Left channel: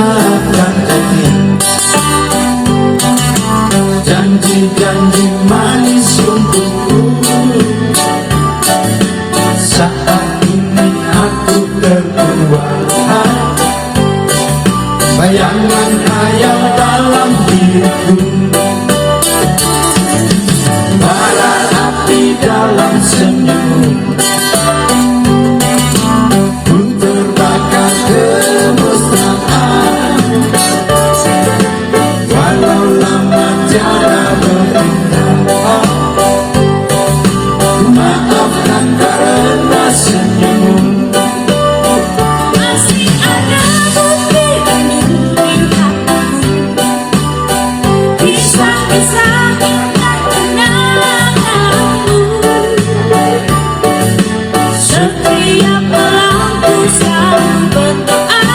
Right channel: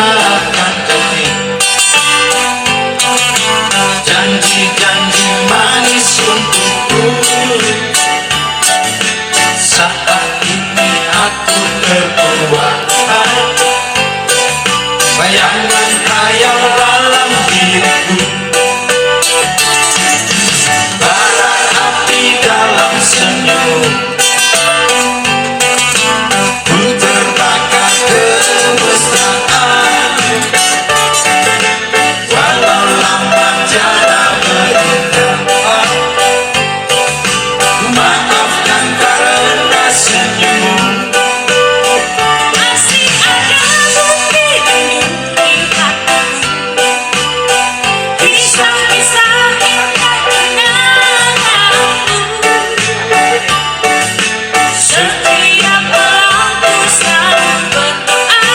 akan jadi janji-janji manis untukku. Saat ini aku terbuat bayangan khayal dalam diriku, bara api dalam senyum. Ku terbakar kemesraan, walau lama tiada berindah. Maafkan karena senyummu. Masih ada bukti di hatiku, kisah-kisah indah kenanganmu. Setiap malamku selalu berdoa,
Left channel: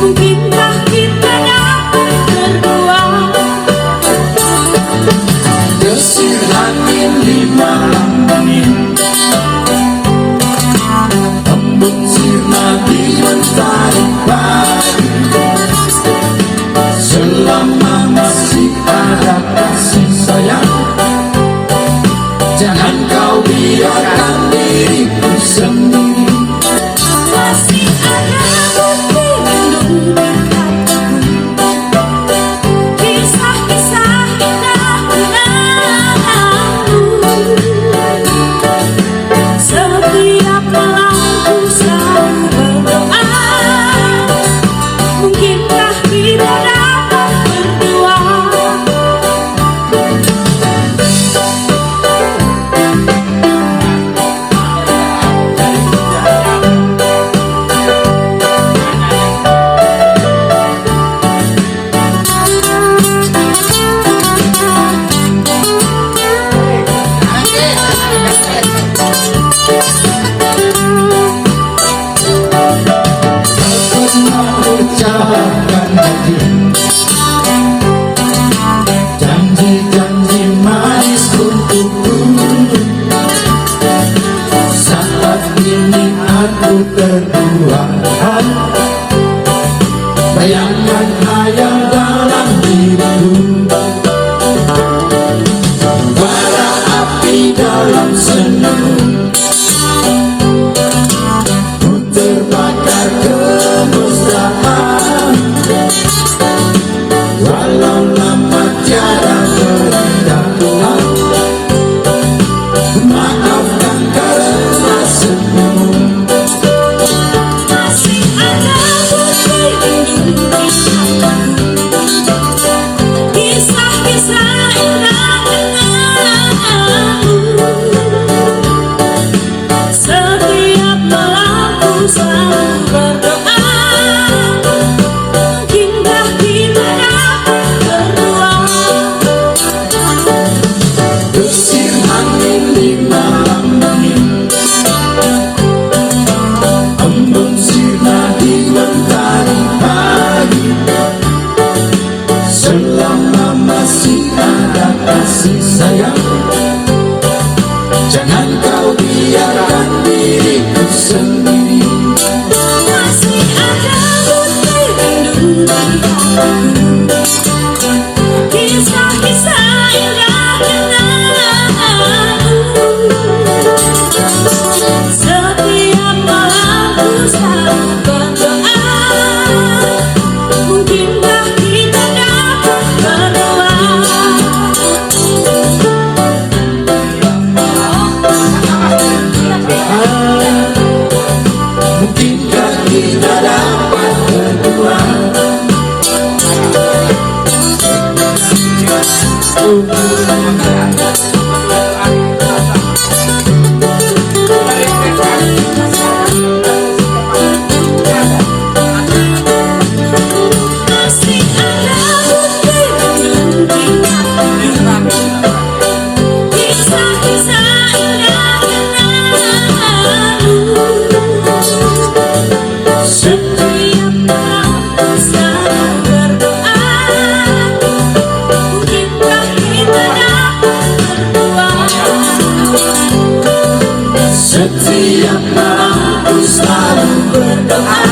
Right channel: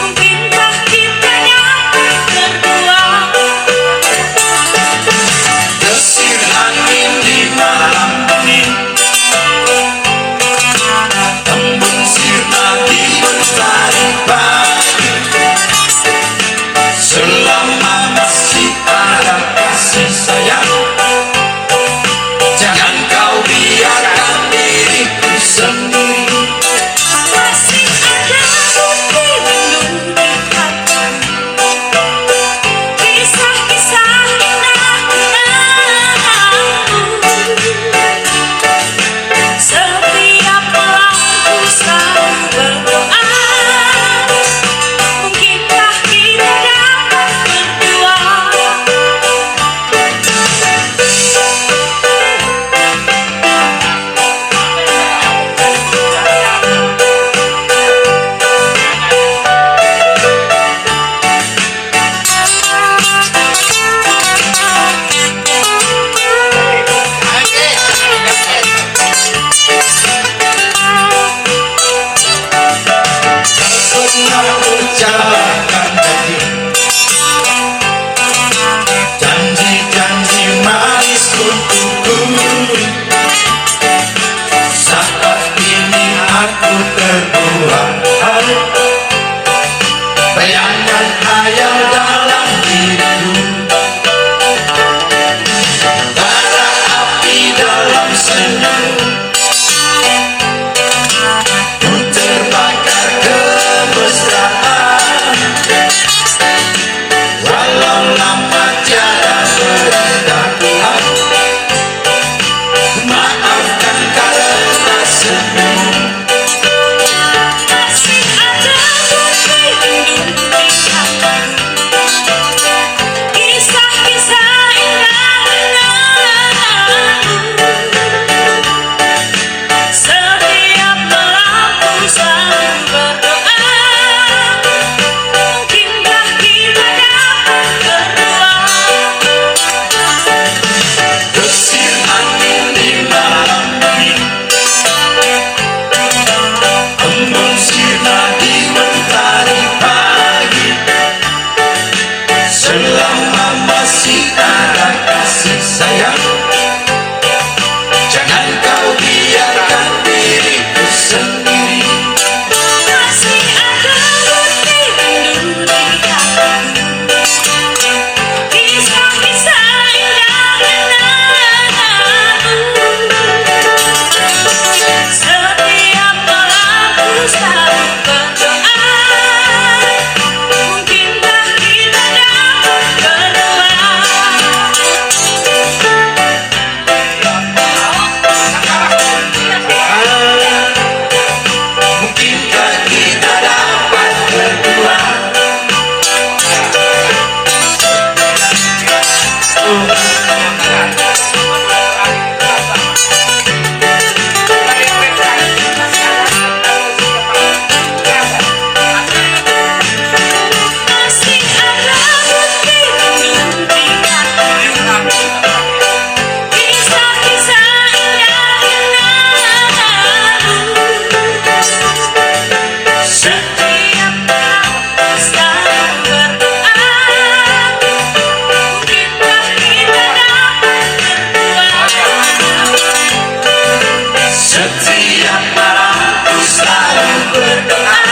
mungkinkah kita dapat berdua. Desir angin di malam dingin, embun sirna di mentari pagi. Selama masih ada kasih sayang, jangan kau biarkan diriku sendiri. Masih ada bukti di hatiku, kisah-kisah indah kenanganmu. Setiap malamku selalu berdoa, mungkinkah kita dapat berdua. Pernah ucapkan janji-janji manis untukku. Saat ini aku terbuat bayangan khayal dalam diriku, bara api dalam senyum. Ku terbakar kemesraan, walau lama tiada berindah. Maafkan karena senyum. Masih ada bukti di hatiku, kisah-kisah indah kenanganmu. Setiap malamku selalu berdoa, mungkinkah kita dapat berdua. Desir angin di malam dingin, embun sirna di mentari pagi. Selama masih ada kasih sayang, jangan kau biarkan diriku sendiri. Masih ada bukti di hatiku, kisah-kisah indah kenanganmu. Setiap malamku selalu berdoa, mungkinkah kita dapat berdua. Mungkinkah kita dapat berdua. Masih ada bukti di hatiku, kisah-kisah indah kenanganmu. Setiap malamku selalu berdoa, mungkinkah kita dapat berdua. Setiap malam ku selalu berdoa,